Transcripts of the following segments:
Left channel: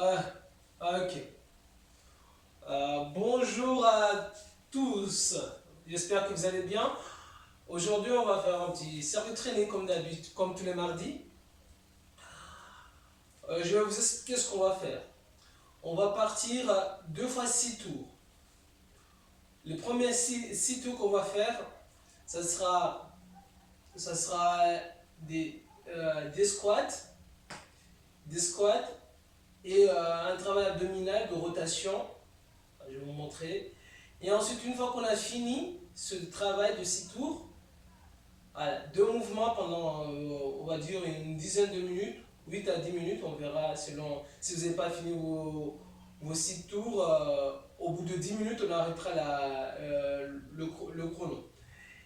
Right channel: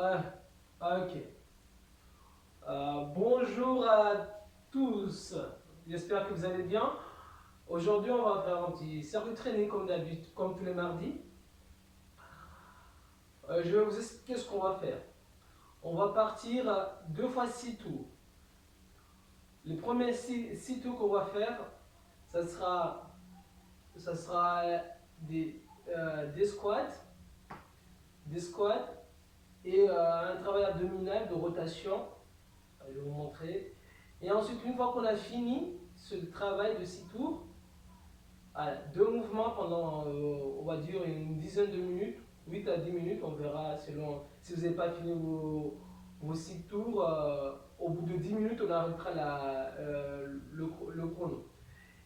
Euh, ok. Bonjour à tous. J'espère que vous allez bien. Aujourd'hui, on va faire un petit circuit training comme d'habitude, comme tous les mardis. Je vais vous expliquer ce qu'on va faire. On va partir 2 fois 6 tours. Les premiers 6 tours qu'on va faire, ça sera, ça sera des squats, des squats et un travail abdominal de rotation. Je vais vous montrer. Et ensuite, une fois qu'on a fini ce travail de 6 tours, voilà, 2 mouvements pendant, on va dire, une dizaine de minutes, 8 à 10 minutes, on verra selon si vous n'avez pas fini vos 6 tours. Au bout de 10 minutes, on arrêtera le chrono.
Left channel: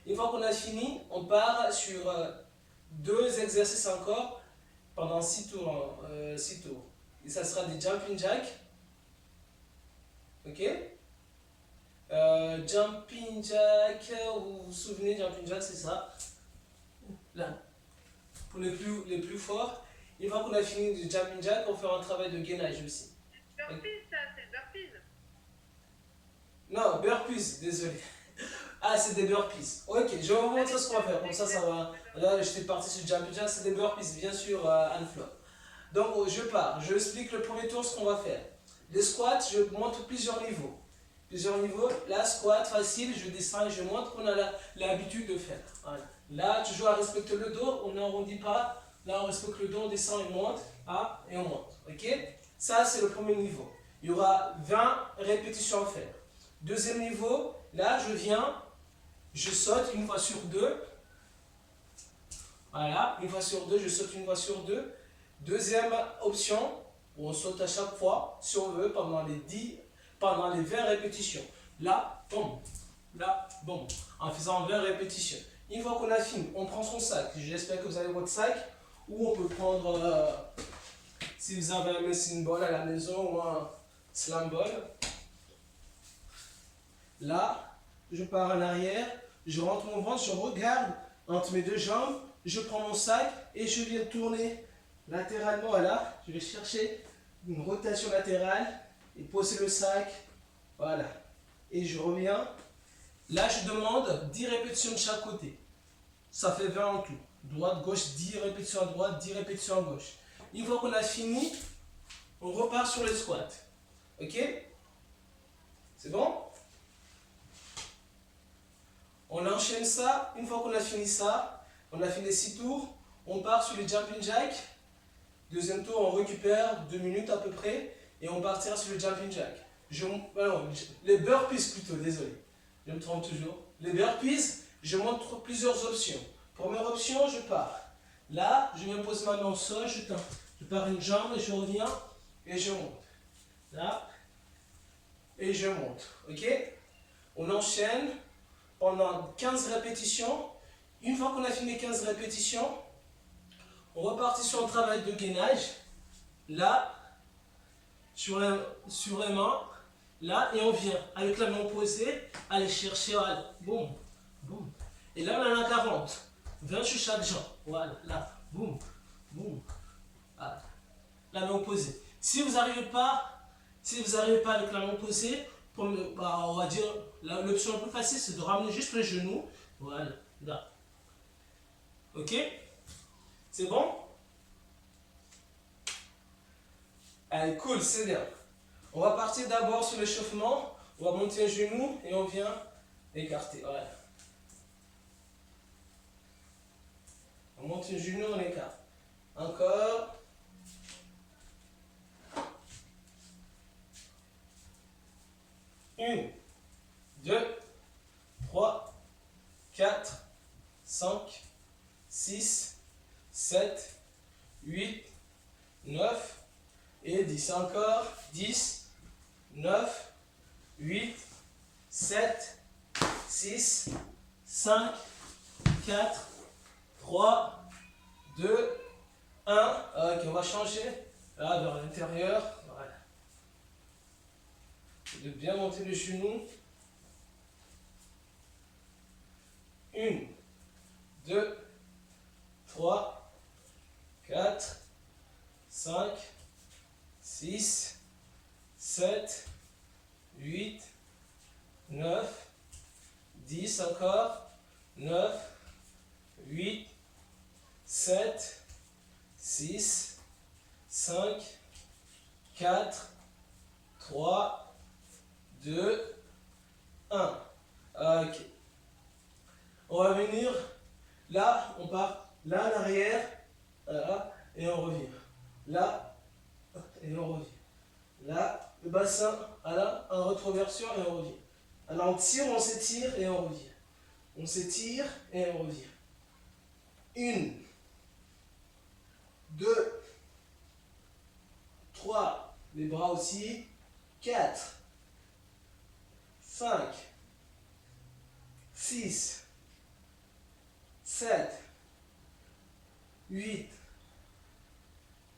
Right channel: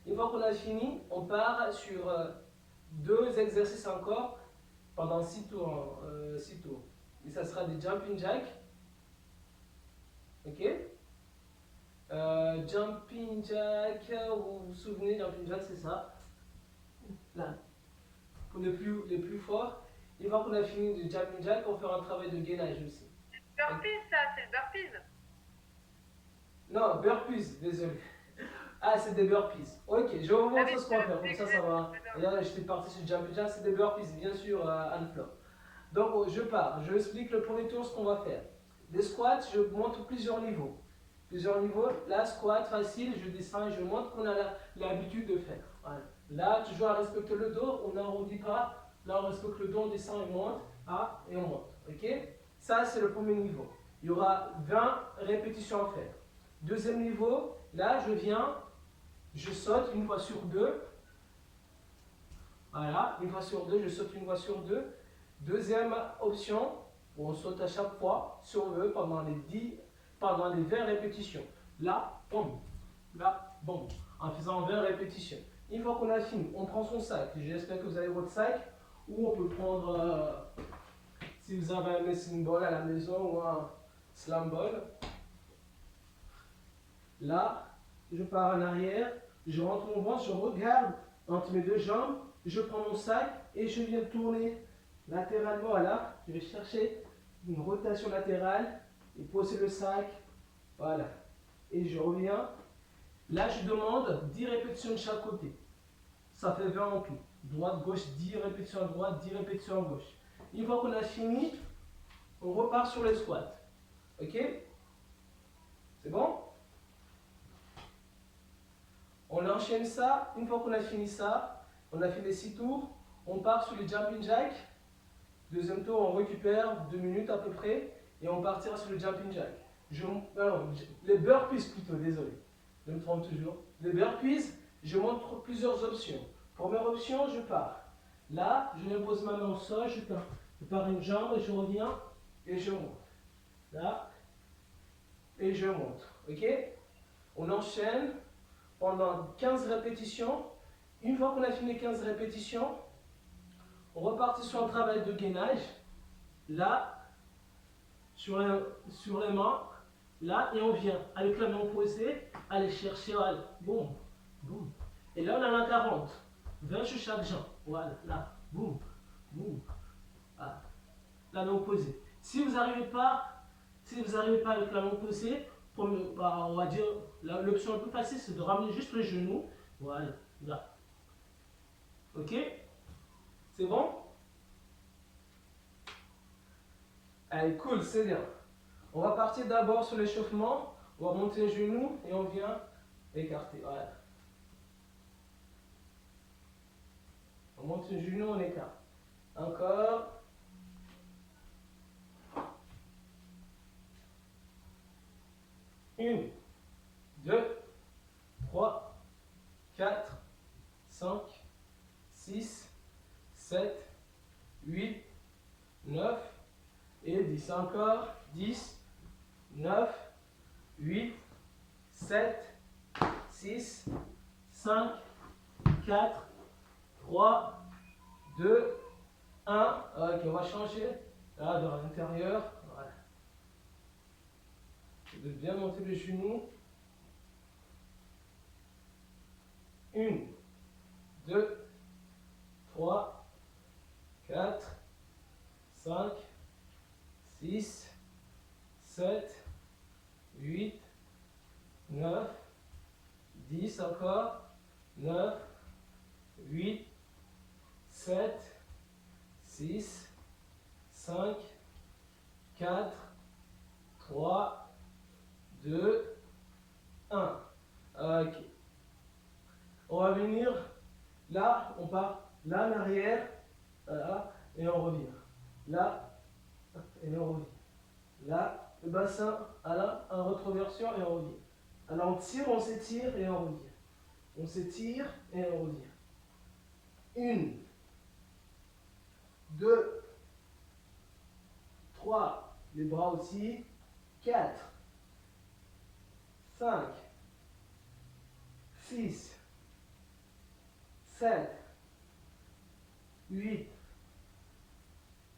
Une fois qu'on a fini, on part sur 2 exercices encore pendant 6 tours. 6 tours. Et ça sera des jumping jacks. Ok? Jumping jack, vous vous souvenez, jumping jack, c'est ça. Là, pour les plus forts. Une fois qu'on a fini du jumping jack, on fera un travail de gainage aussi. Burpees, ça, c'est le burpees. Non, burpees, désolé. Ah, c'est des burpees. Ok, je vais vous montrer ce qu'on va faire. Comme ça va. Là, j'étais parti sur jumping jack, c'est des burpees, bien sûr, Anne-Flo. Donc, je pars. Je explique le premier tour ce qu'on va faire. Les squats, je montre plusieurs niveaux. Plusieurs niveaux. Là, squat facile, je descends et je montre qu'on a l'habitude de faire. Voilà. Là, toujours à respecter le dos, on n'arrondit pas. Là, on respecte le dos, on descend et on monte. Ah, et on monte. Ok? Ça, c'est le premier niveau. Il y aura 20 répétitions à faire. Deuxième niveau, là, je viens, je saute une fois sur deux. Voilà, une fois sur deux, je saute une fois sur deux. Deuxième option, on saute à chaque fois, si on veut, pendant les 20 répétitions. Là, boum, là, boum, en faisant 20 répétitions. Une fois qu'on a fini, on prend son sac. J'espère que vous avez votre sac. Ou on peut prendre, si vous avez un medicine ball à la maison ou un slam ball. Là, je pars en arrière, je rentre mon ventre, je regarde entre mes deux jambes, je prends mon sac et je viens tourner latéralement. Voilà, je vais chercher une rotation latérale et poser le sac. Voilà. Et je reviens. Là, je demande 10 répétitions de chaque côté. Ça fait 20 en tout. Droite, gauche, 10 répétitions à droite, 10 répétitions à gauche. Une fois qu'on a fini, on repart sur les squats. Ok? C'est bon? On enchaîne ça. Une fois qu'on a fini ça, on a fait les 6 tours, on part sur les jumping jacks. Deuxième tour, on récupère 2 minutes à peu près et on partira sur le jumping jack. Les burpees plutôt, désolé. Je me trompe toujours. Les burpees, je montre plusieurs options. Première option, je pars. Là, je me pose ma main au sol, je pars une jambe et je reviens et je monte. Là, et je monte. Ok? On enchaîne pendant 15 répétitions. Une fois qu'on a fini 15 répétitions, on repartit sur un travail de gainage. Là, sur les mains. Là, et on vient avec la main posée, aller chercher. Voilà. Boum, boum. Et là, on en a 40. 20 sur chaque jambe. Voilà, là. Boum, boum. Voilà. La main opposée. Si vous n'arrivez pas avec la main opposée, on va dire, l'option la plus facile, c'est de ramener juste les genoux. Voilà, là. Ok? C'est bon? Allez, cool, c'est bien. On va partir d'abord sur l'échauffement. On va monter un genou et on vient écarter. Voilà. On monte un genou, on écarte. Encore. Une, deux, trois, quatre, cinq, six, sept, huit, 9 et 10. Encore. 10, 9, 8, 7, 6, 5, 4, 3, 2, 1. Ok, on va changer. Là, vers l'intérieur. Voilà. De bien monter le genou. Une, deux, trois, quatre, cinq, 6, 7, 8, 9, 10 encore, 9, 8, 7, 6, 5, 4, 3, 2, 1. Ok. On va venir, là, on part là en arrière, là, et on revient. Là, et on revient. Là, le bassin, là, en rétroversion et on revient. Alors on tire, on s'étire et on revient. On s'étire et on revient. 1, 2, 3, les bras aussi. 4, 5, 6, 7, 8,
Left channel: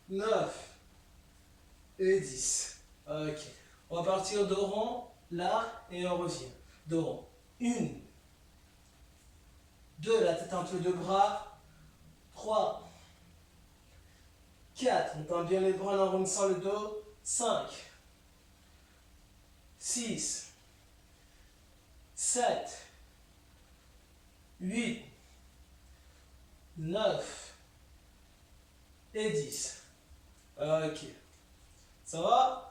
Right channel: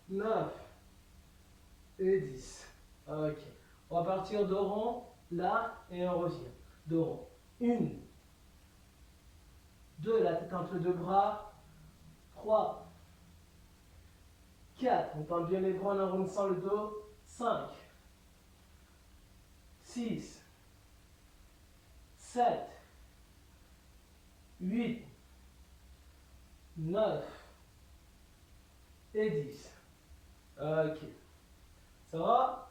9 et 10. Ok. On va partir de rond, là, et on revient. De rond. 1, 2, la tête entre les deux bras. 3, 4, on tend bien les bras en arrondissant le dos. 5, 6, 7, 8, 9 et 10. Ok. Ça va?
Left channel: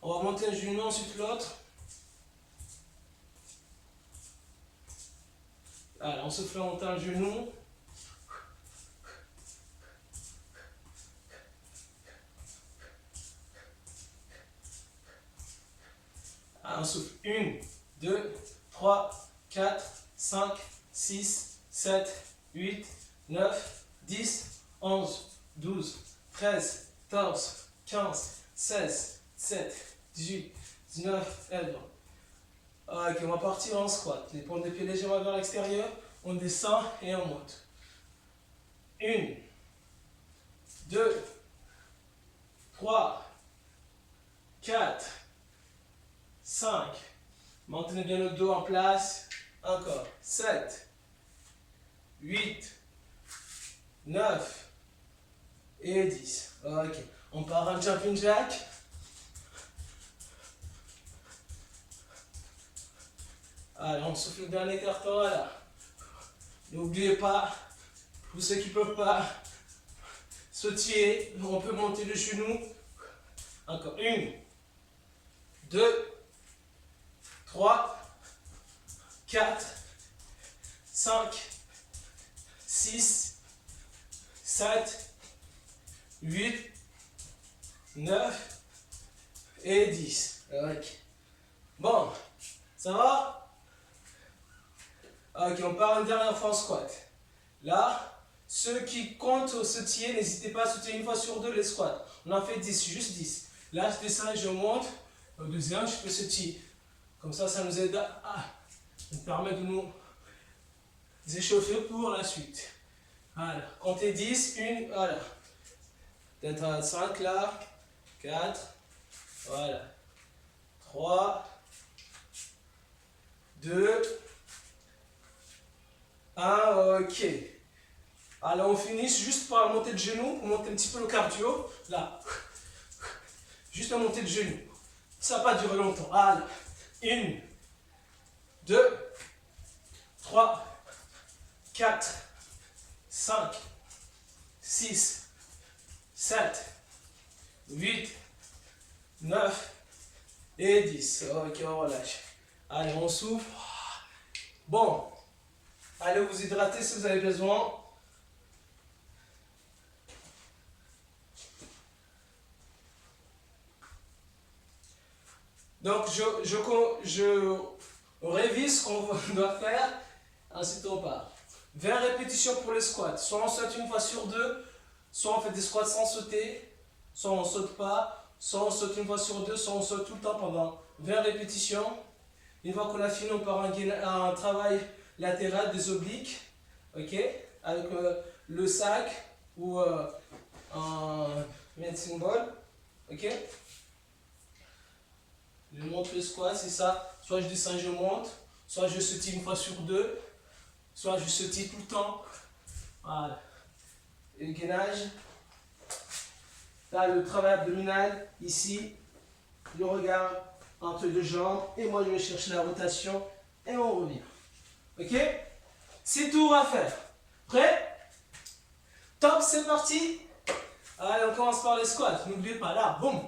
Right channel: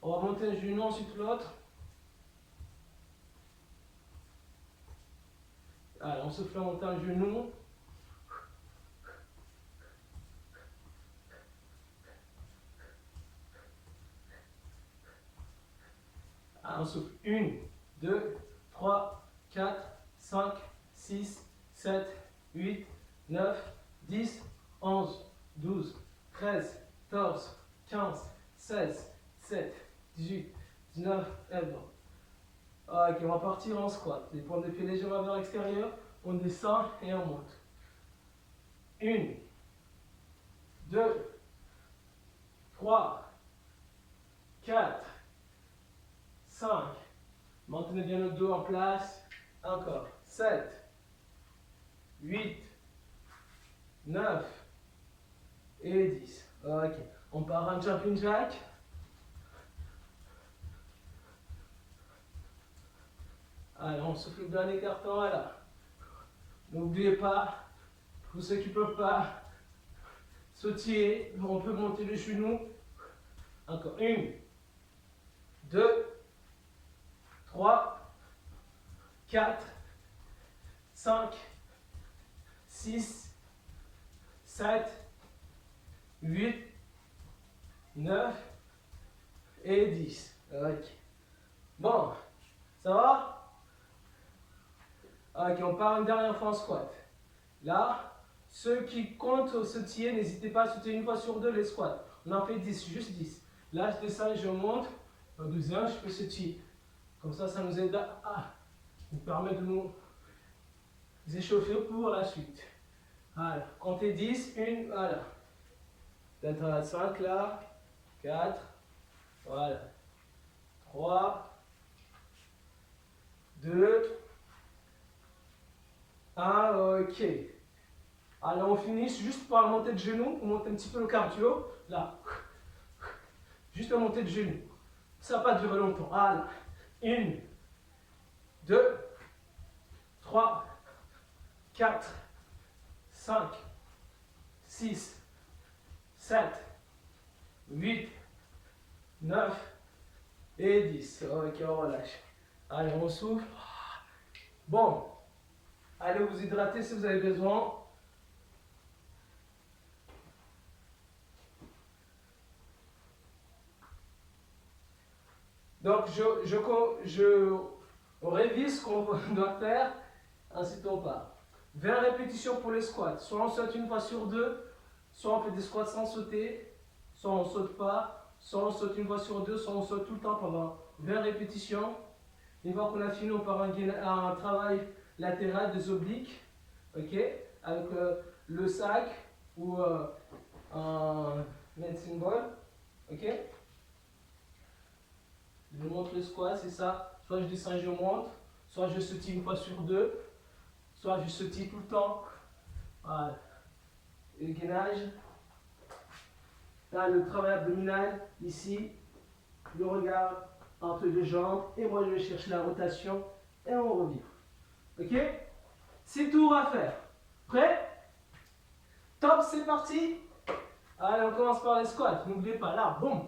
On va monter un genou, ensuite l'autre. Allez, on souffle en montant le genou. Allez, on souffle 1, 2, 3, 4, 5, 6, 7, 8, 9, 10, 11, 12, 13, 14, 15, 16, 17, 18, 19 et 20. Ok, on va partir en squat. Les pointes des pieds légèrement vers l'extérieur. On descend et on monte. 1, 2, 3, 4, 5. Maintenez bien le dos en place. Encore. 7, 8, 9 et 10. Ok. On part en jumping jack. Allez, on souffle le dernier carton, voilà. N'oubliez pas, pour ceux qui ne peuvent pas sautiller, on peut monter le genou. Encore. 1, 2, 3, 4, 5, 6, 7, 8, 9 et 10. Ok. Bon, ça va? Ok, on part une dernière fois en squat. Là, ceux qui comptent au sautier, n'hésitez pas à sauter une fois sur deux les squats. On en fait 10, juste 10. Là, je descends et je monte. Au deuxième, je peux sautiller. Comme ça nous aide à nous permet de nous échauffer pour la suite. Voilà, comptez 10, 1, voilà. Peut-être à 5 là, 4, voilà. 3, 2, 1, ok. Alors on finit juste par monter de genoux, pour monter un petit peu le cardio. Là, juste monter de genoux. Ça va pas durer longtemps. Voilà. 1, 2, 3, 4, 5, 6, 7, 8, 9 et 10. Ok, on relâche. Allez, on souffle. Bon, allez vous hydrater si vous avez besoin. Donc, je révise ce qu'on doit faire. Ensuite, on part. 20 répétitions pour les squats. Soit on saute une fois sur deux, soit on fait des squats sans sauter, soit on ne saute pas, soit on saute une fois sur deux, soit on saute tout le temps pendant 20 répétitions. Une fois qu'on a fini, on part à un travail latéral des obliques, ok, avec le sac ou un medicine ball, ok. Je monte le squat, c'est ça. Soit je descends et je monte, soit je sautille une fois sur deux, soit je sautille tout le temps. Voilà. Et le gainage. Là, le travail abdominal, ici, le regard entre les deux jambes. Et moi, je vais chercher la rotation et on revient. Ok? 6 tours à faire. Prêt? Top, c'est parti. Allez, on commence par les squats. N'oubliez pas, là, boum.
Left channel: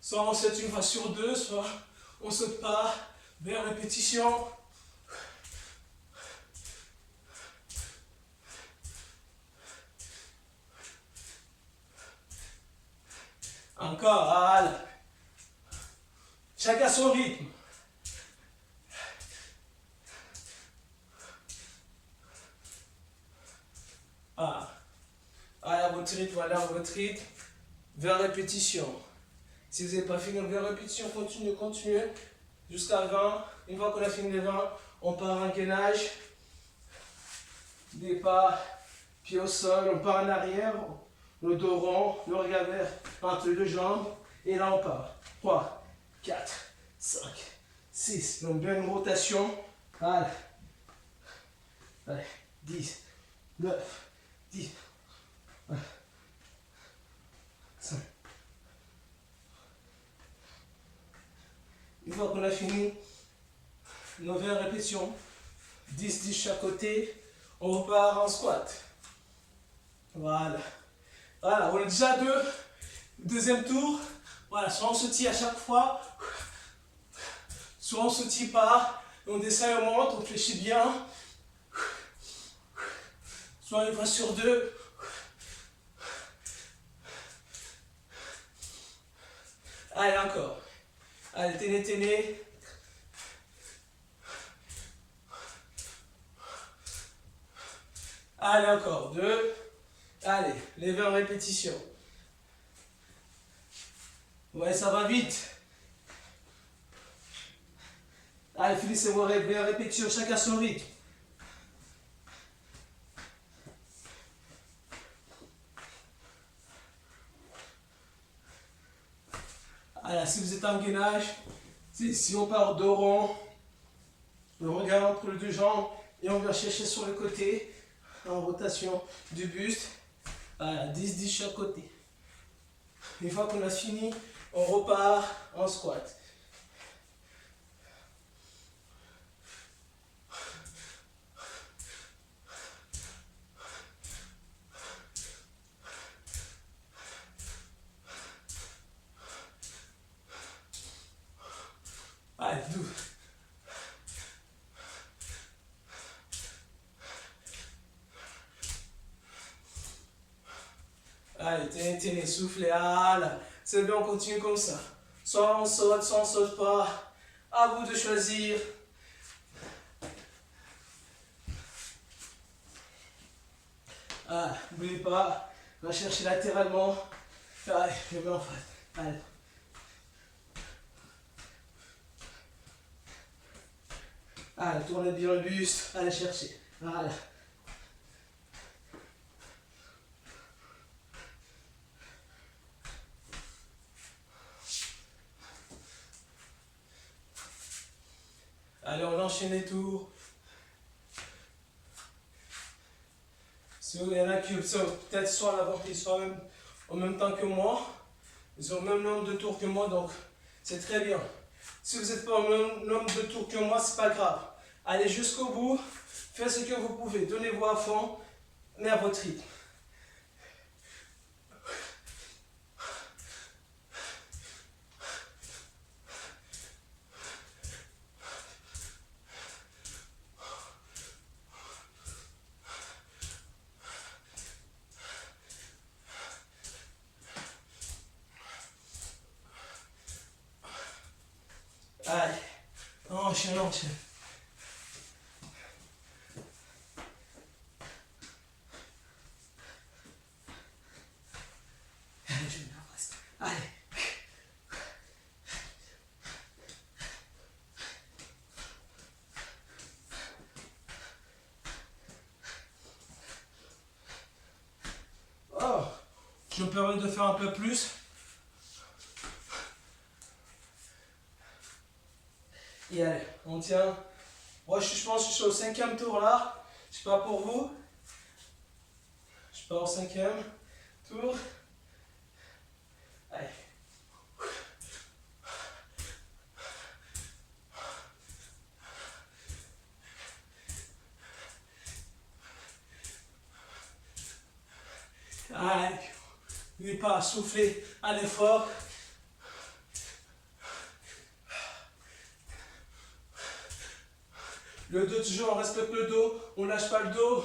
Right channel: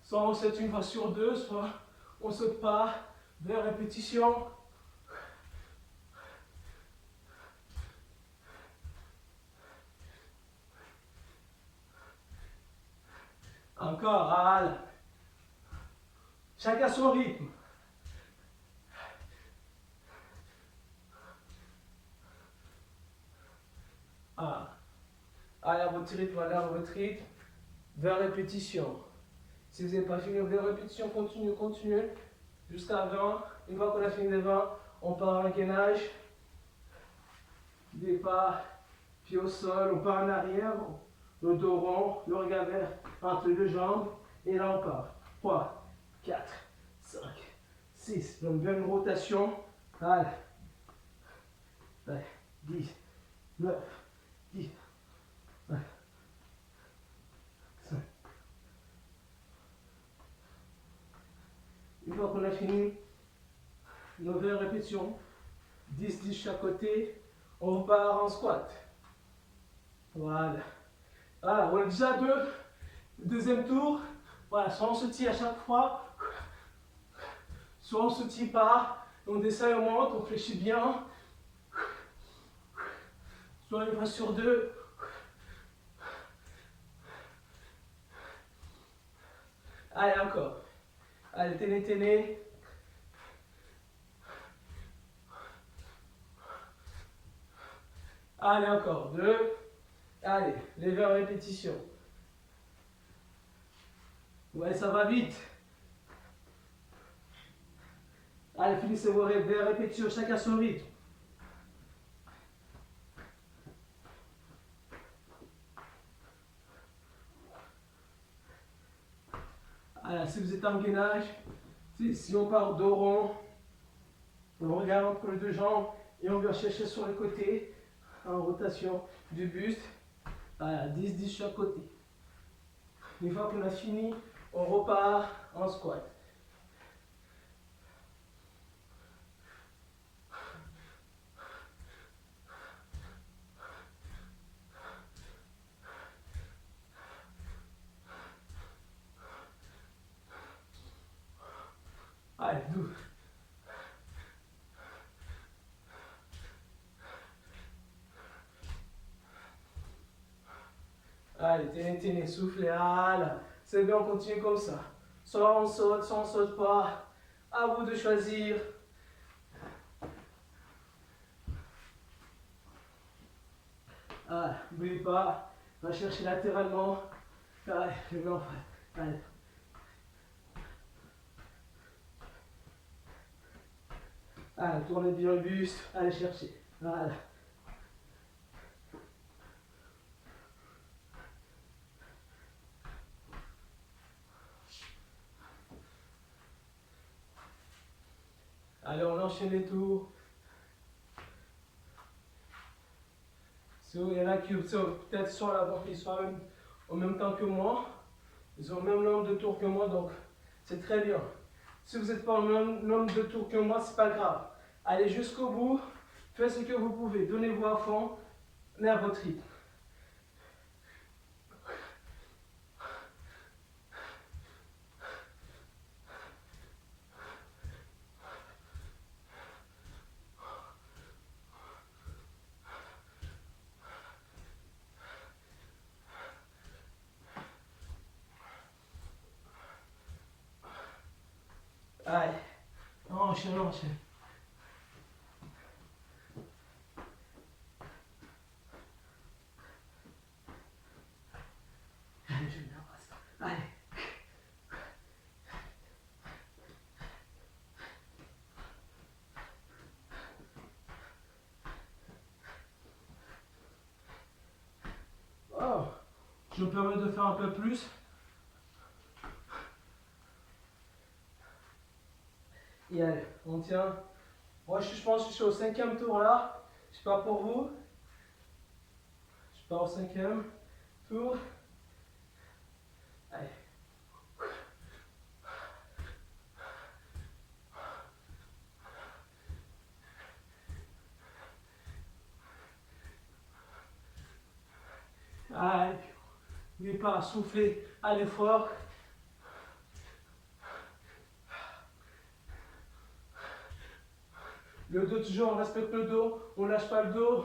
Soit on saute une fois sur deux, soit on saute pas. 20 répétitions. Encore, allez. Chacun son rythme. Ah. Allez, à votre rythme, allez à votre rythme. 20 répétitions. Si vous n'avez pas fini 20 répétitions, continuez. Jusqu'à 20. Une fois qu'on a fini les 20, on part en gainage. Départ, pied au sol, on part en arrière. Le dos rond, le regard vers entre les deux jambes. Et là, on part. 3, 4, 5, 6. Donc, bien une rotation. Allez. Allez. 10, 9, 10. 5. Une fois qu'on a fini nos 20 répétitions, 10 chaque côté, on repart en squat. Voilà. Voilà, on est déjà à deux. Deuxième tour. Voilà, soit on se tire à chaque fois, soit on se tire pas. On descend et on monte, on fléchit bien. Soit une fois sur deux. Allez, encore. Allez, tenez. Allez, encore. 2. Allez, les 20 répétitions. Ouais, ça va vite. Allez, finissez vos 20 répétitions, chacun son rythme. Alors, si vous êtes en gainage, si on part dos rond, on regarde entre les deux jambes et on vient chercher sur le côté en rotation du buste. Voilà, 10 chaque côté. Une fois qu'on a fini, on repart en squat. Allez, 12. Allez, tenez, soufflez, allez. C'est bien, on continue comme ça. Soit on saute pas. À vous de choisir. Allez, n'oubliez pas, on va chercher latéralement. Allez, je vais en face. Allez. Allez, tournez bien le buste. Allez chercher. Allez. Allez, on enchaîne les tours. Il y en a qui peut-être soit à l'avant, ils sont en même temps que moi. Ils ont le même nombre de tours que moi, donc c'est très bien. Si vous n'êtes pas au même nombre de tours que moi, c'est pas grave. Allez jusqu'au bout, faites ce que vous pouvez, donnez-vous à fond, mais à votre rythme. Allez, enchaîne. Allez, je me reste. Allez. Oh, je me permets de faire un peu plus. Et allez, on tient. Moi, je pense que je suis au 5e tour là. Je sais pas pour vous. Je pars au 5e tour. Allez, n'oubliez pas à souffler à l'effort. Le dos toujours, on respecte le dos, on lâche pas le dos.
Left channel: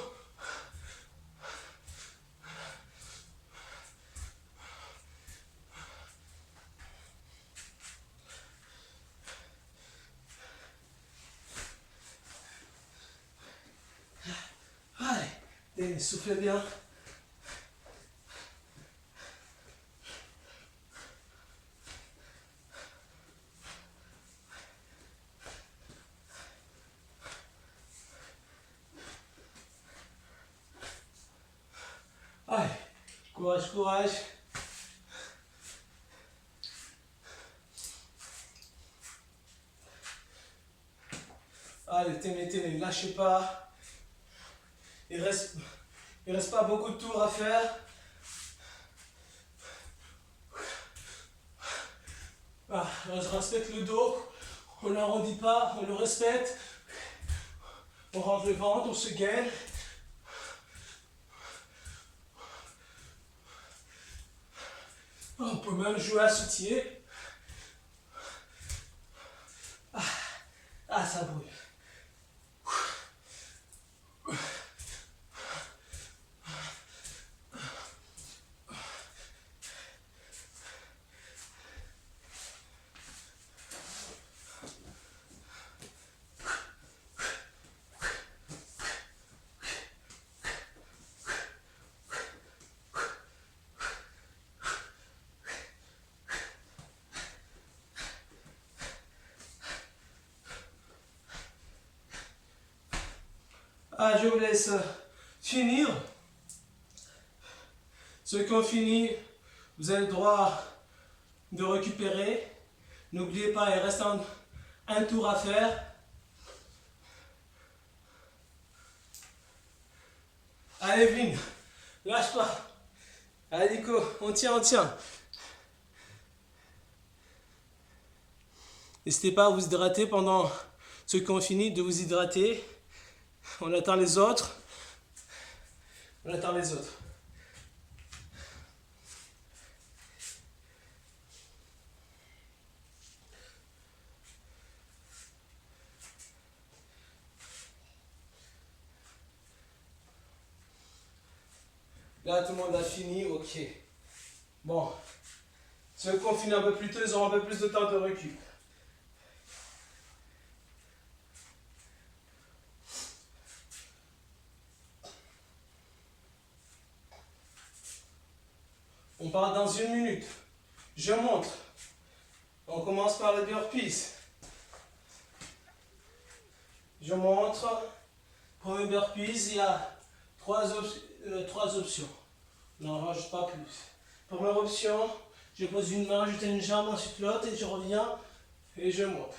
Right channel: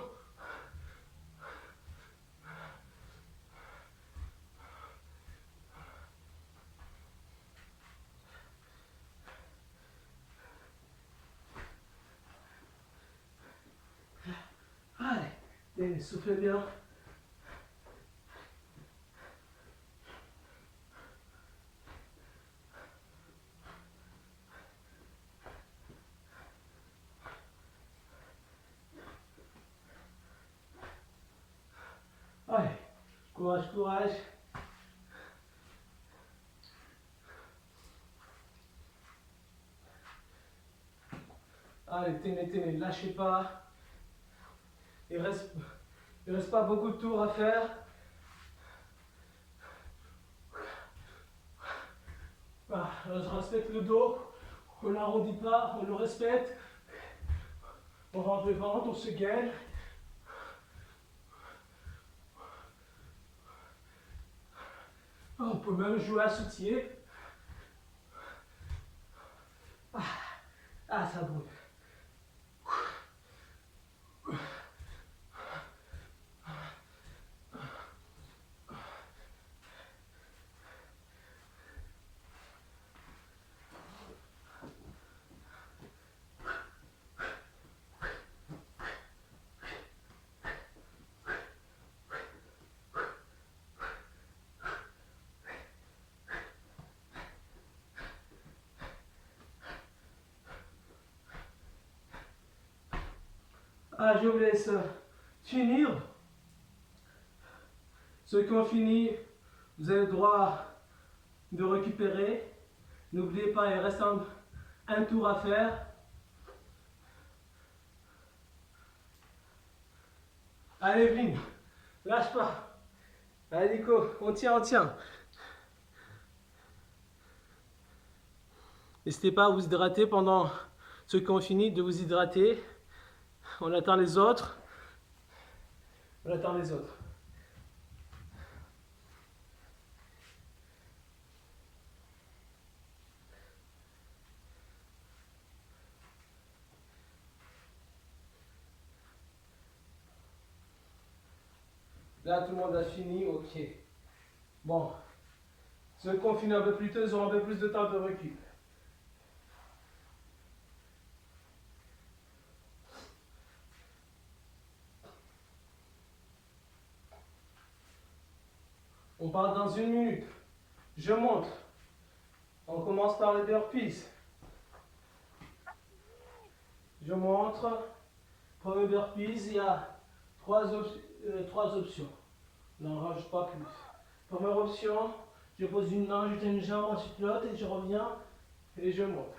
Allez, soufflez bien. Allez, courage, courage. Allez, tenez, lâchez pas. Il reste pas beaucoup de tours à faire. Ah, je respecte le dos. On n'arrondit pas, on le respecte. On rentre le ventre, on se gaine. On peut même jouer à soutier. Ah, ça brûle. Ah, je vous laisse finir. Ceux qui ont fini, vous avez le droit de récupérer. N'oubliez pas, il reste un tour à faire. Allez, Evelyne, lâche pas. Allez, Nico, on tient, on tient. N'hésitez pas à vous hydrater pendant ceux qui ont fini, de vous hydrater. On attend les autres. On attend les autres. Là, tout le monde a fini, ok. Bon. Ceux qui ont fini un peu plus tôt, ils auront un peu plus de temps de récup. On part dans 1 minute. Je montre. On commence par les burpees. Je montre. Premier burpees, il y a 3 options. On n'en rajoute pas plus. Première option, je pose une main, je tiens une jambe, ensuite l'autre et je reviens et je monte.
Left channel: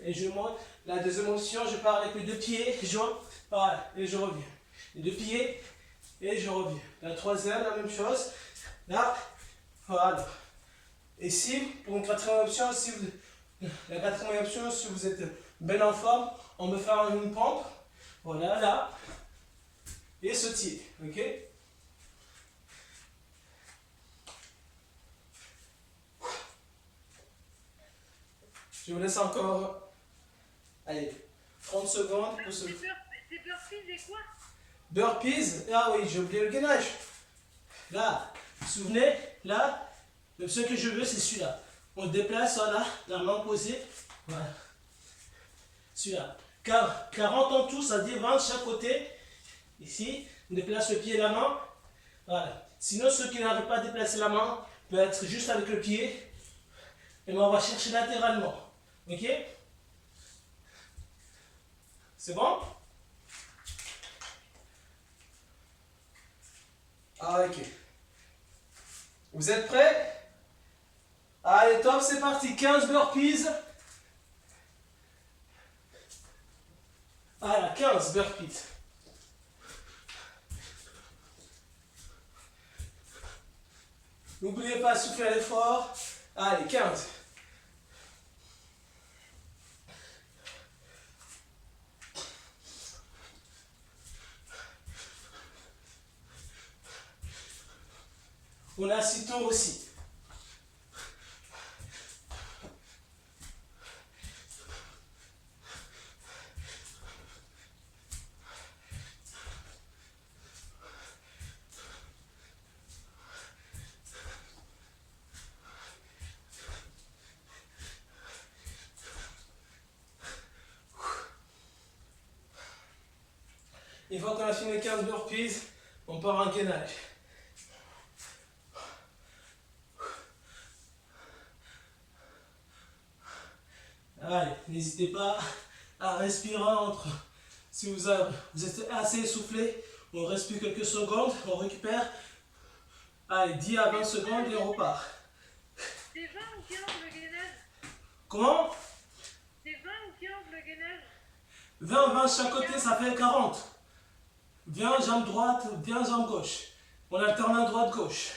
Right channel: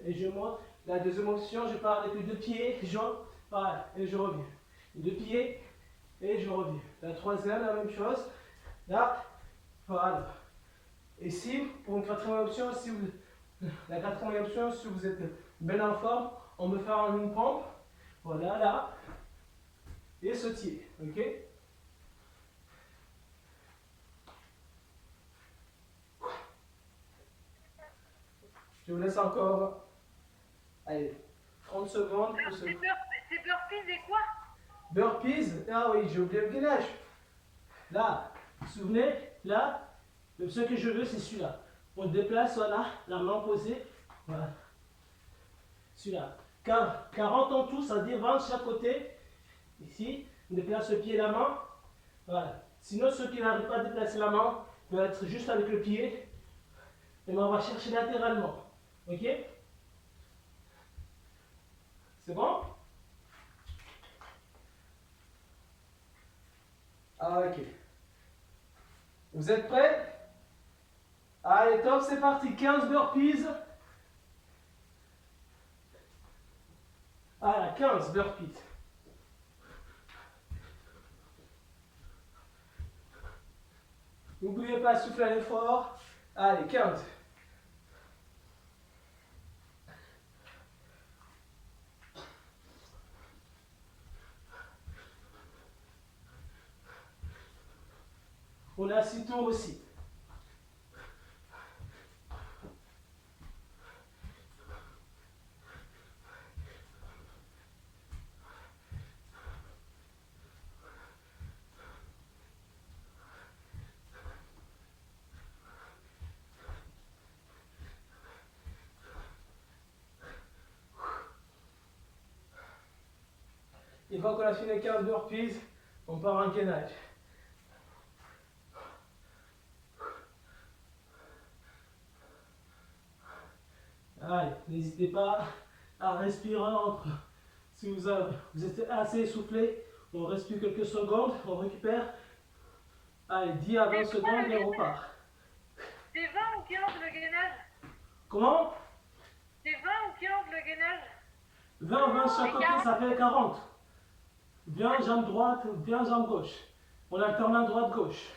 Et je monte. La deuxième option, je pars avec les 2 pieds, voilà, et je reviens. Les 2 pieds et je reviens. La troisième, la même chose. Là, voilà. Et si, pour une quatrième option, la quatrième option, si vous êtes bien en forme, on peut faire une pompe. Voilà, là. Et sautiller. Ok? Je vous laisse encore. Allez, 30 secondes pour ce. C'est burpees et quoi? Burpees. Ah oui, j'ai oublié le gainage. Là, vous vous souvenez, là, l'option que je veux, c'est celui-là. On déplace, voilà, la main posée. Voilà. Celui-là. 40 en tout, ça dit 20 de chaque côté. Ici, on déplace le pied et la main. Voilà. Sinon, ceux qui n'arrivent pas à déplacer la main, peuvent être juste avec le pied. Et on va chercher latéralement. Ok? C'est bon? Ah, ok. Vous êtes prêts? Allez, top, c'est parti. 15 burpees. Voilà, 15 burpees. N'oubliez pas de souffler à l'effort. Allez, 15. On a 6 tours aussi. Une fois qu'on a fini les 15 burpees, on part en gainage. Allez, n'hésitez pas à respirer entre. Si vous êtes assez essoufflé, on respire quelques secondes, on récupère. Allez, 10 à 20 secondes et on repart. C'est 20 ou 15 le gainage? Comment? C'est 20 ou 15 le gainage? 20 chaque côté, ça fait 40. 20 jambe droite, 20 jambe gauche. On alterne droite-gauche.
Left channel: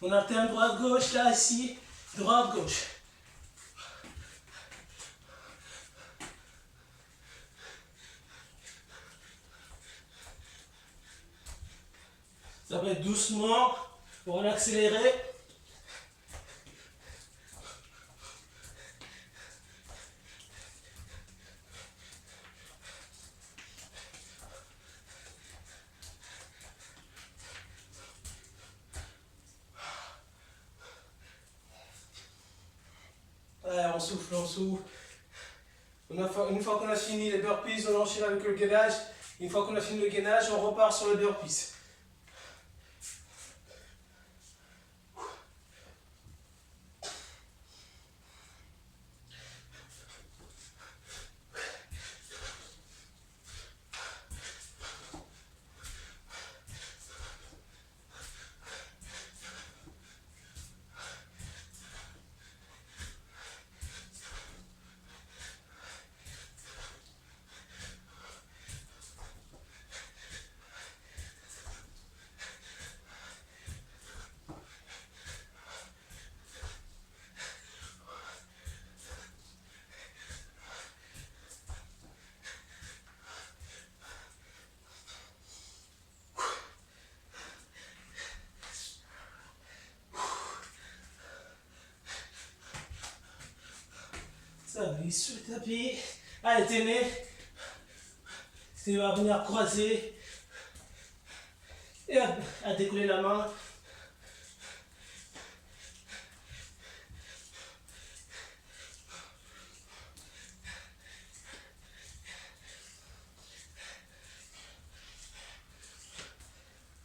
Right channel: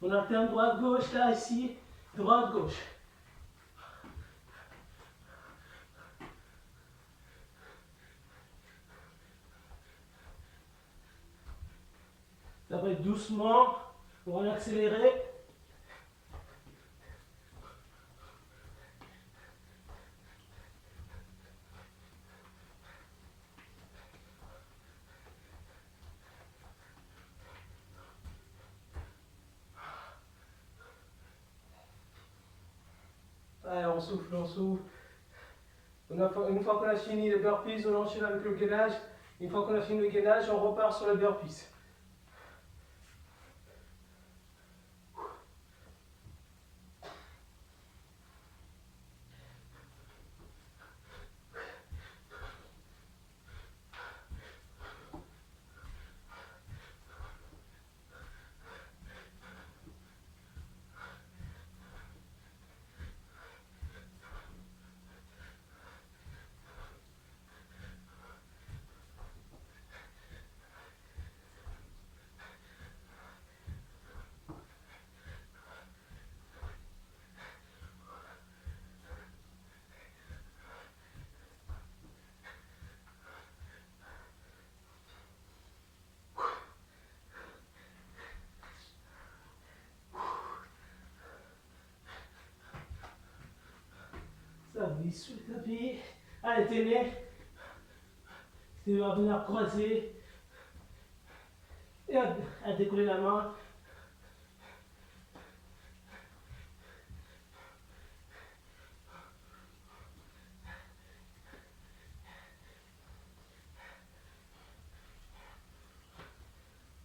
On alterne droite-gauche, là, ici, droite-gauche. Ça va être doucement, on va l'accélérer. Allez, on souffle, on souffle. Une fois qu'on a fini les burpees, on enchaîne avec le gainage. Une fois qu'on a fini le gainage, on repart sur les burpees. Ça glisse sur le tapis. Allez, tenez. Tu vas venir croiser. Et à décoller la main.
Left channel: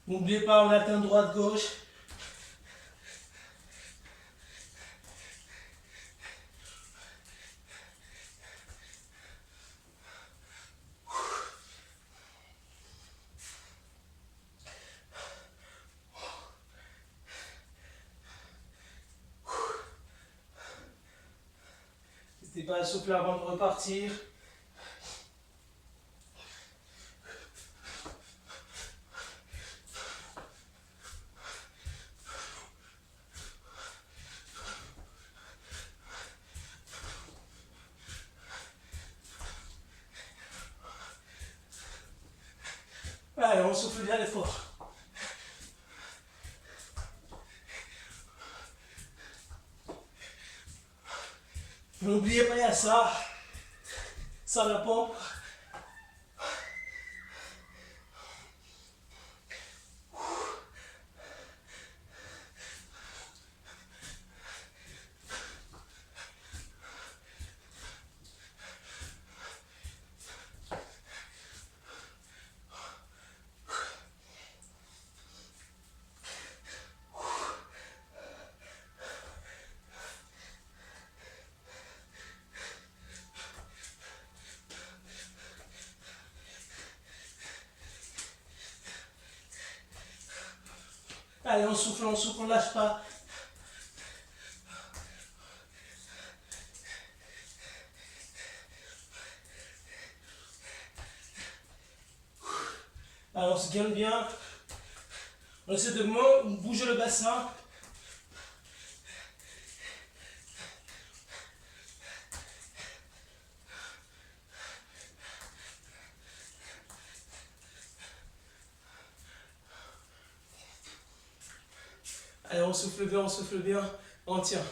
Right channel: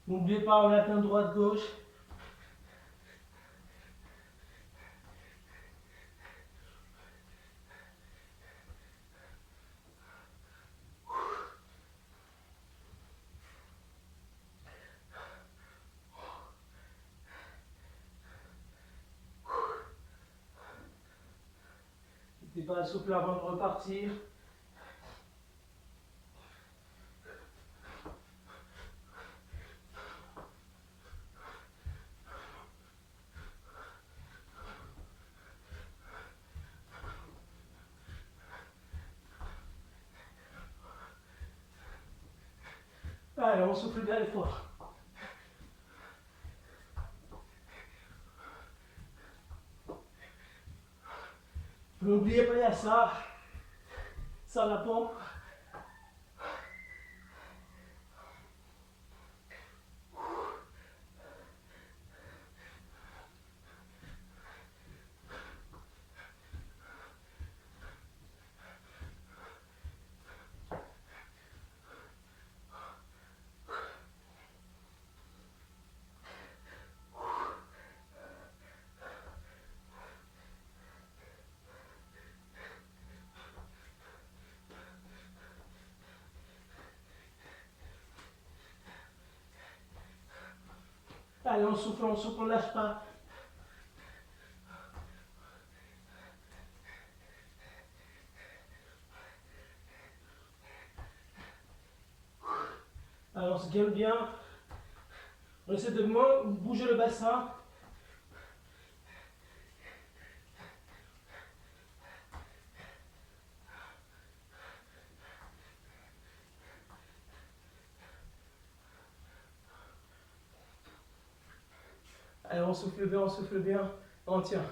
N'oubliez pas, on atteint droite-gauche. N'hésitez pas à souffler avant de repartir. Allez, on souffle bien l'effort. N'oubliez pas, il y a ça. Ça la pompe. Allez, on souffle, on lâche pas. Allez, on se gaine bien. On essaie de bouger le bassin. Allez, on souffle bien, on souffle bien. On tient.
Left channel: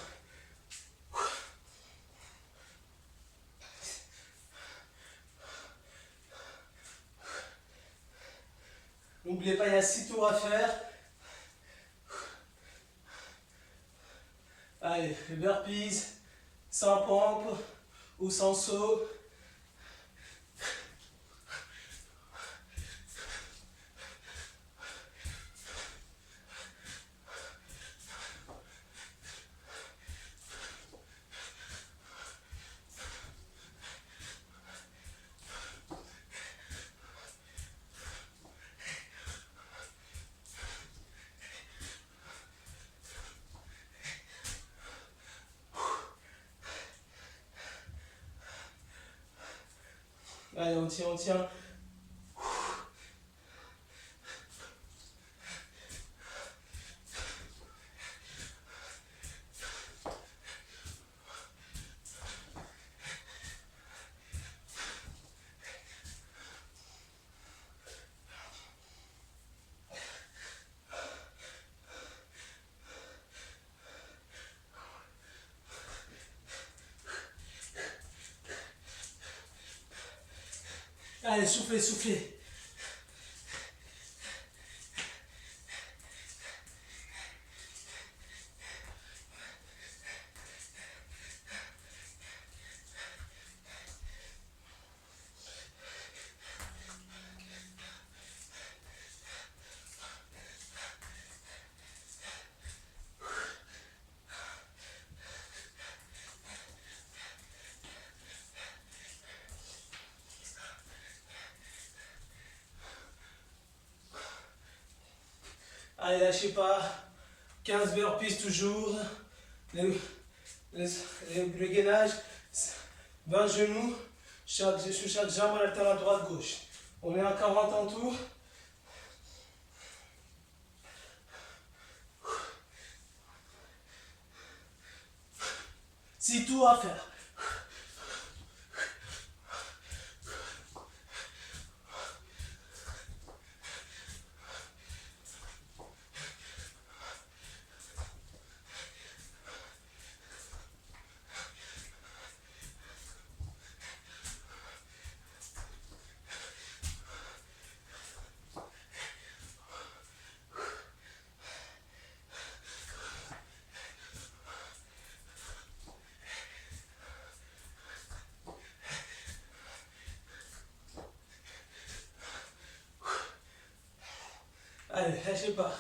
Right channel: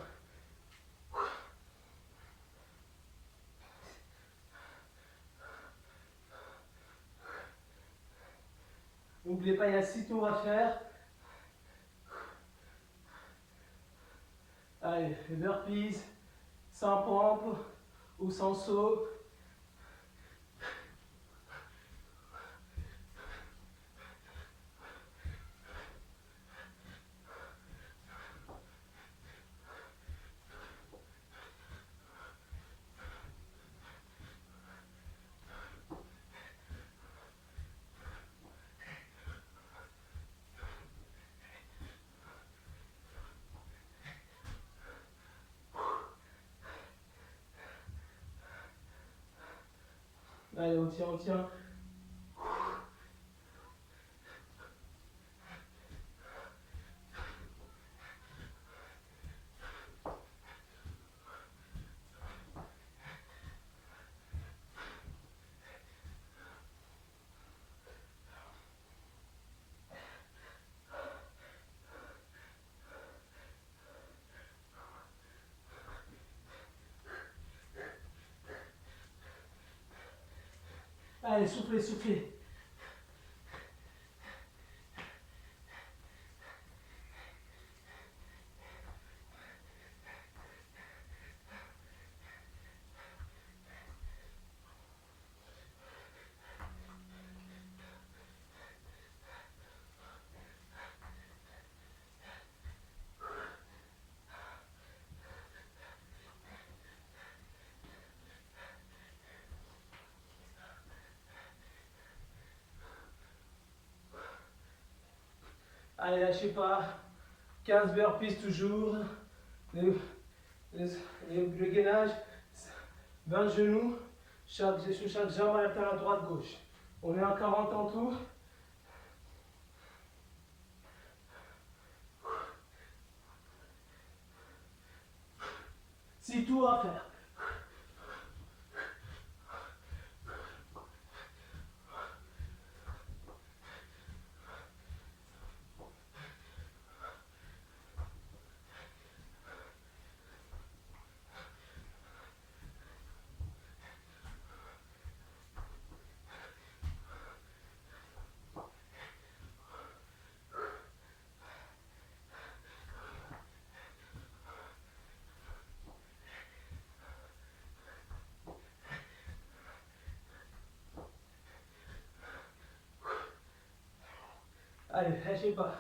N'oubliez pas, il y a 6 tours à faire. Allez, les burpees, sans pompe ou sans saut. Allez, on tient, on tient. Allez, soufflez, soufflez. Allez, lâchez pas. 15 burpees toujours. Le gainage, 20 genoux. Chaque jambe alterne à droite-gauche. On est à 40 en tout. C'est tout à faire. Allez, lâchez pas.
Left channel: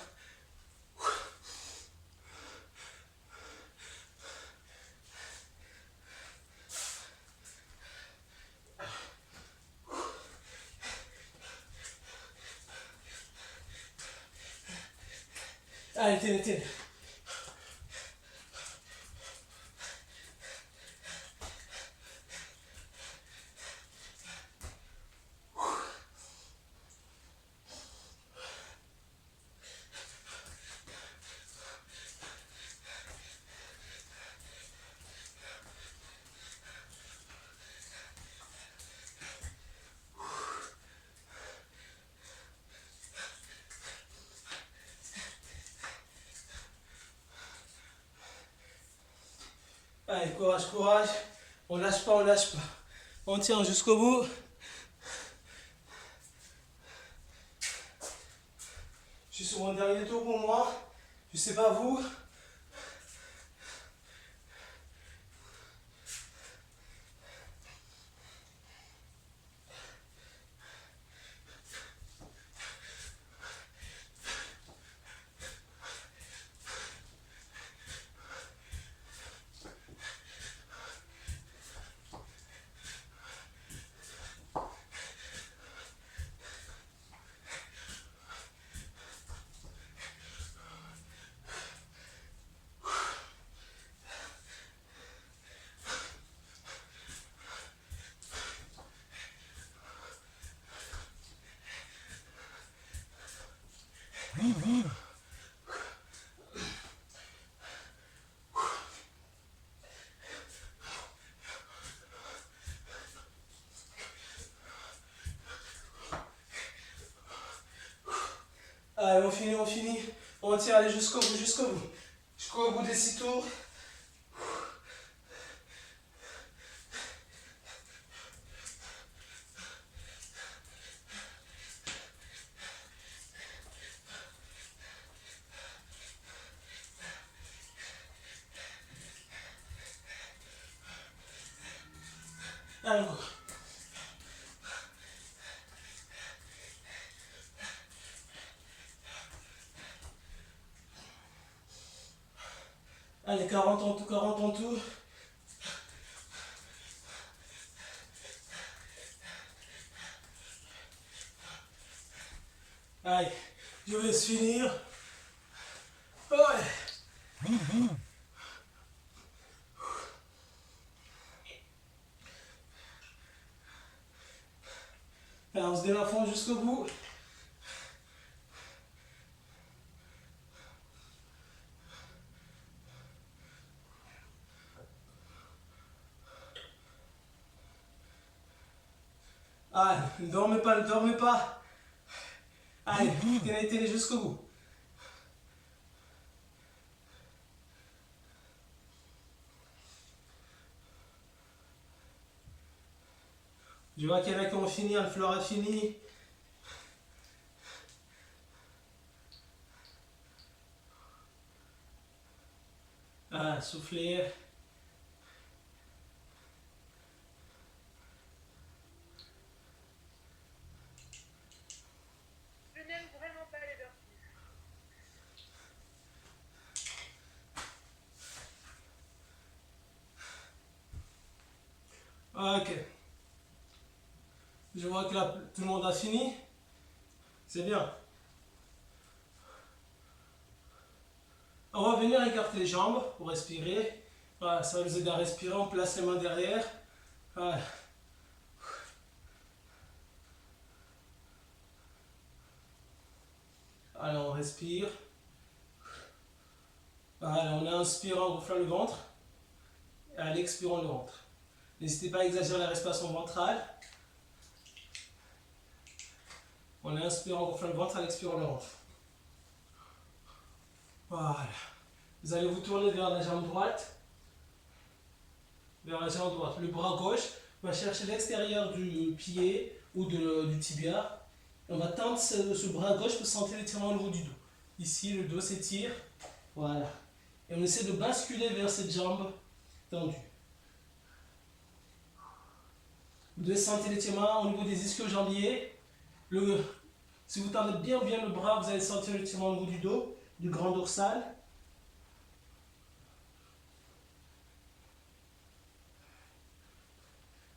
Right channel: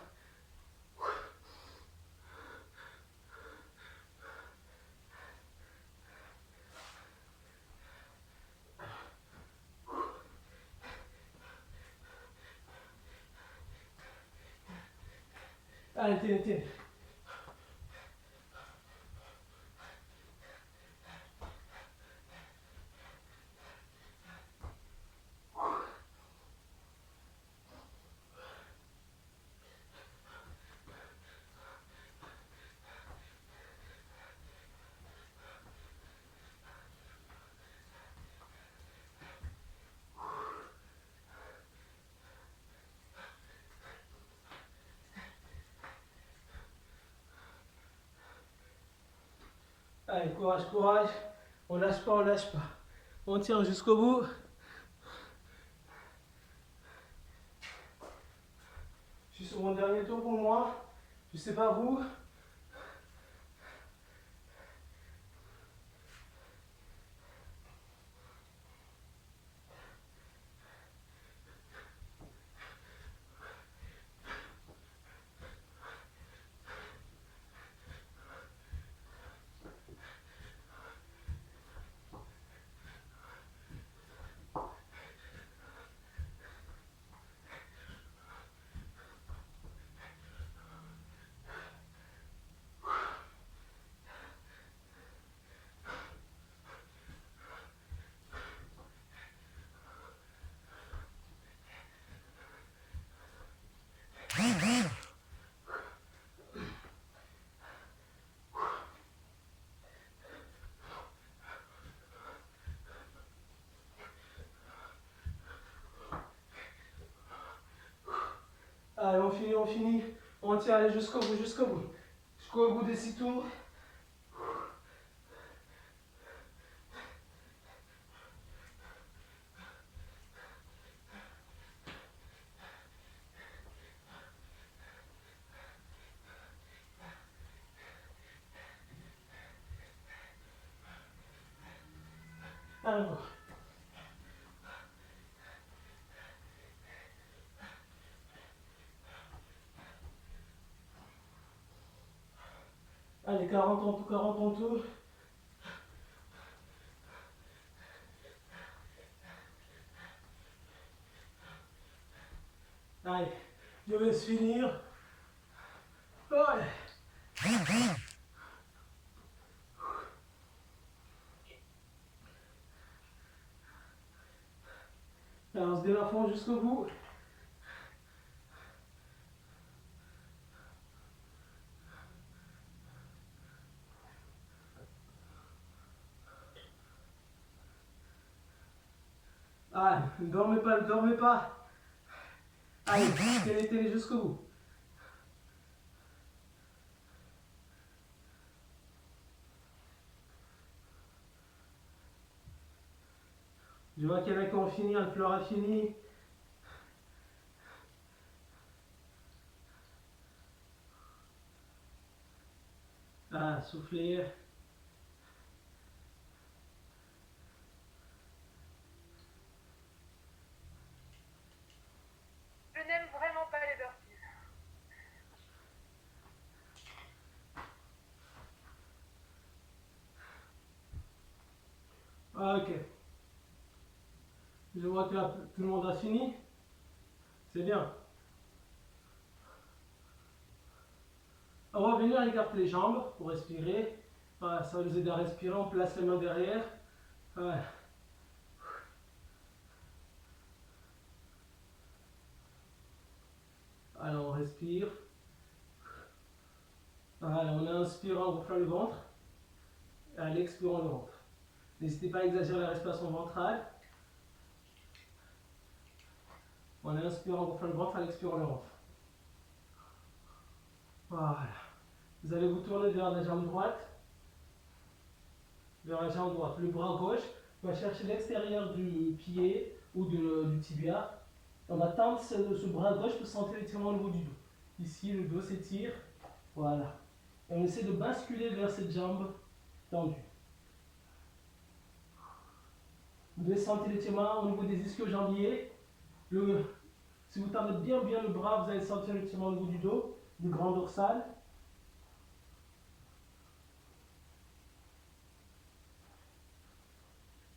Allez, tenez, tenez. Allez, courage, courage. On lâche pas, on lâche pas. On tient jusqu'au bout. Je suis sur mon dernier tour pour moi. Je sais pas vous. Allez, on finit, on finit. On maintient, allez jusqu'au bout, jusqu'au bout. Jusqu'au bout des 6 tours. Allez, go. Allez, 40 en tout, 40 en tout. Allez, je vais finir. Ouais. Allez, on se donne à fond jusqu'au bout. Allez, ne dormez pas, ne dormez pas. Allez, tenez, tenez jusqu'au bout. Je vois qu'il y en a qui ont fini, Anne-Fleur a fini. Ah, soufflez. Je n'aime vraiment pas les burpees. Ok. Je vois que là, tout le monde a fini. C'est bien. On va venir écarter les jambes pour respirer. Voilà, ça va nous aider à respirer. On place les mains derrière. Voilà. Alors on respire. Voilà, on inspire en gonflant le ventre. Et à l'expirant le ventre. N'hésitez pas à exagérer la respiration ventrale. On inspire en gonflant le ventre, à l'expirant le ventre. Voilà. Vous allez vous tourner vers la jambe droite. Vers la jambe droite. Le bras gauche va chercher l'extérieur du pied ou du tibia. On va tendre ce bras gauche pour sentir l'étirement au niveau du dos. Ici, le dos s'étire. Voilà. Et on essaie de basculer vers cette jambe tendue. Vous devez sentir l'étirement au niveau des ischio-jambiers. Si vous tendez bien le bras, vous allez sentir l'étirement au niveau du dos, du grand dorsal.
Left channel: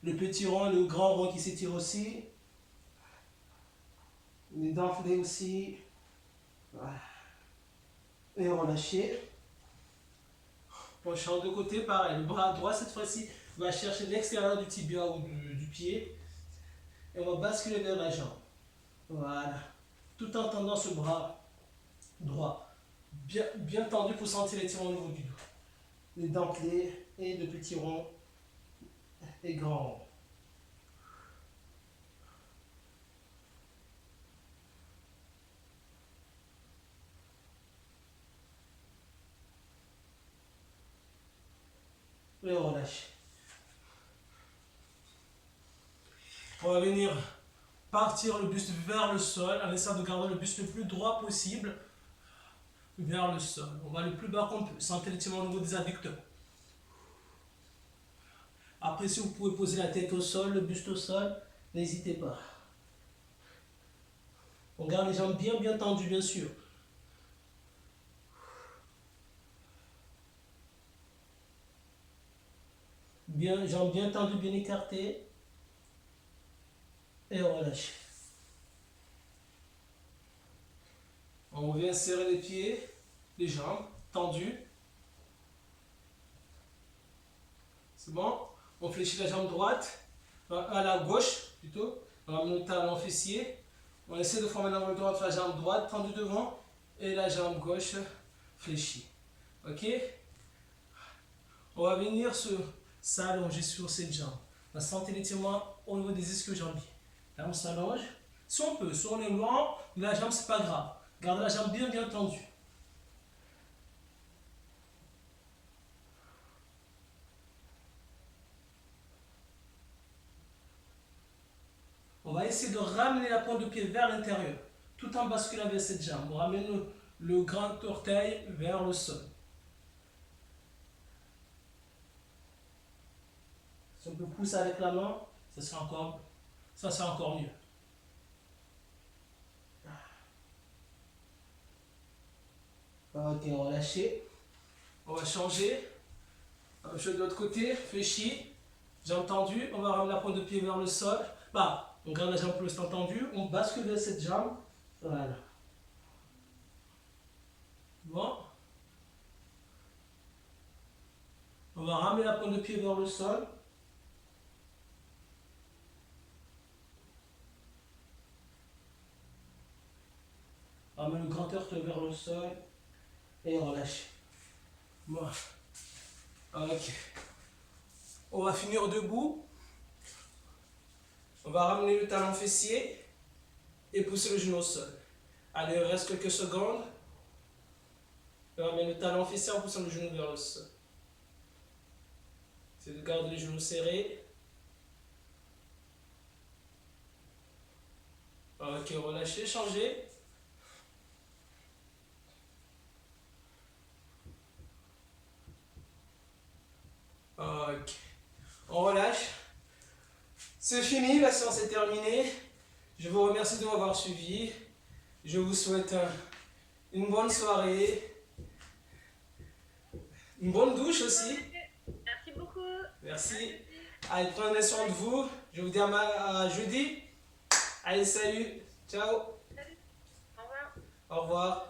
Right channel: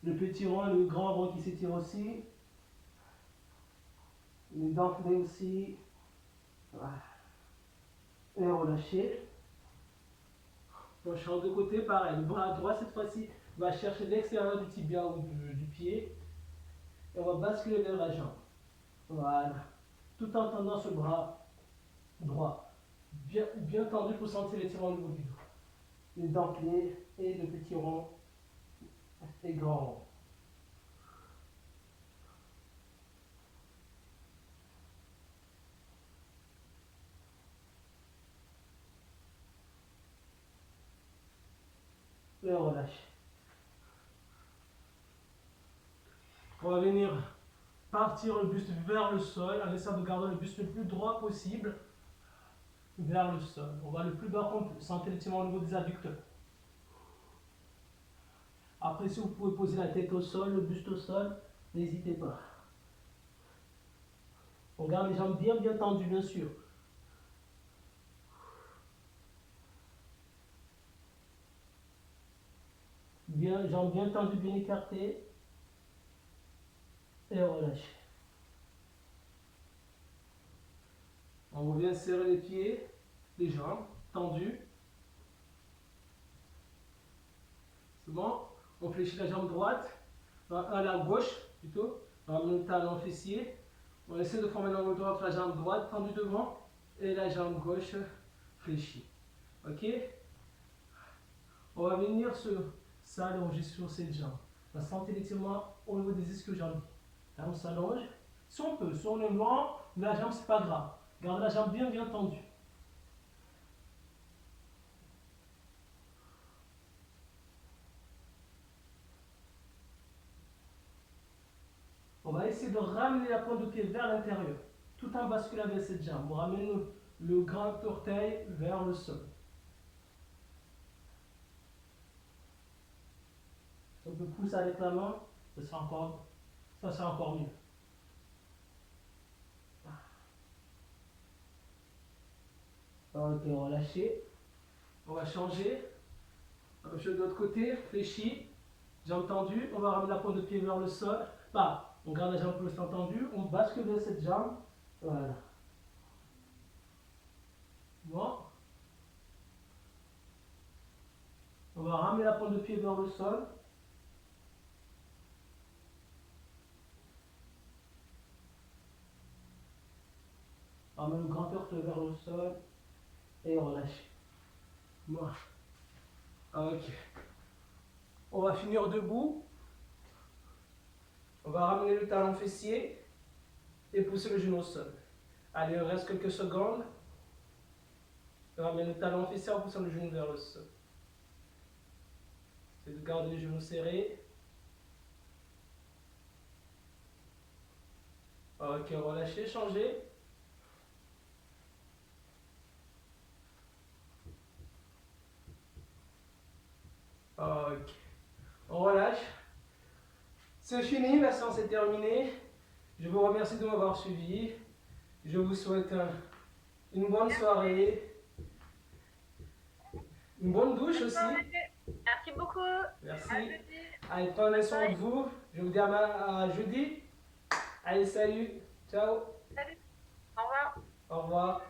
Le petit rond et le grand rond qui s'étirent aussi. Les dentelés aussi. Voilà. Et relâchez. On change de côté, pareil. Le bras droit, cette fois-ci, va chercher l'extérieur du tibia ou du pied. Et on va basculer vers la jambe. Voilà. Tout en tendant ce bras droit. Bien tendu pour sentir l'étirement au niveau du dos. Les dentelés et le petit rond et grand rond. Et relâchez. On va venir partir le buste vers le sol en essayant de garder le buste le plus droit possible vers le sol. On va le plus bas qu'on peut. Sentez l'étirement au niveau des adducteurs. Après, si vous pouvez poser la tête au sol, le buste au sol, n'hésitez pas. On garde les jambes bien tendues, bien sûr. Jambes bien tendues, bien écartées. Et relâchez. On vient serrer les pieds, les jambes tendues. C'est bon? On fléchit la jambe droite, à la gauche plutôt. On ramène le talon fessier. On essaie de former l'angle droit entre la jambe droite tendue devant et la jambe gauche fléchie. Ok? On va venir s'allonger sur cette jambe. On va sentir l'étirement au niveau des ischio-jambiers. Là, on s'allonge. Si on peut, si on est loin, la jambe, c'est pas grave. Gardez la jambe bien tendue. essayer de ramener la pointe de pied vers l'intérieur, tout en basculant avec cette jambe. On ramène le grand orteil vers le sol. Si on peut pousser avec la main, ça sera encore mieux. Ok, relâchez. On va changer. Je de l'autre côté, fléchi. Jambe tendue. On va ramener la pointe de pied vers le sol. Bah, on garde la jambe pour l'instant tendue. On bascule vers cette jambe. Voilà. Bon. On va ramener la pointe de pied vers le sol. On ramène le grand orteil vers le sol. Et relâche. Bon. Ok. On va finir debout. On va ramener le talon fessier et pousser le genou au sol. Allez, il reste quelques secondes. On ramène le talon fessier en poussant le genou vers le sol. C'est de garder les genoux serrés. Ok, relâchez, changez. Ok. On relâche. C'est fini, la séance est terminée. Je vous remercie de m'avoir suivi. Je vous souhaite une bonne soirée. Une bonne douche aussi. Merci beaucoup. Merci. Allez, prenez soin de vous. Je vous dis à jeudi. Allez, salut. Ciao. Salut. Au revoir. Au revoir.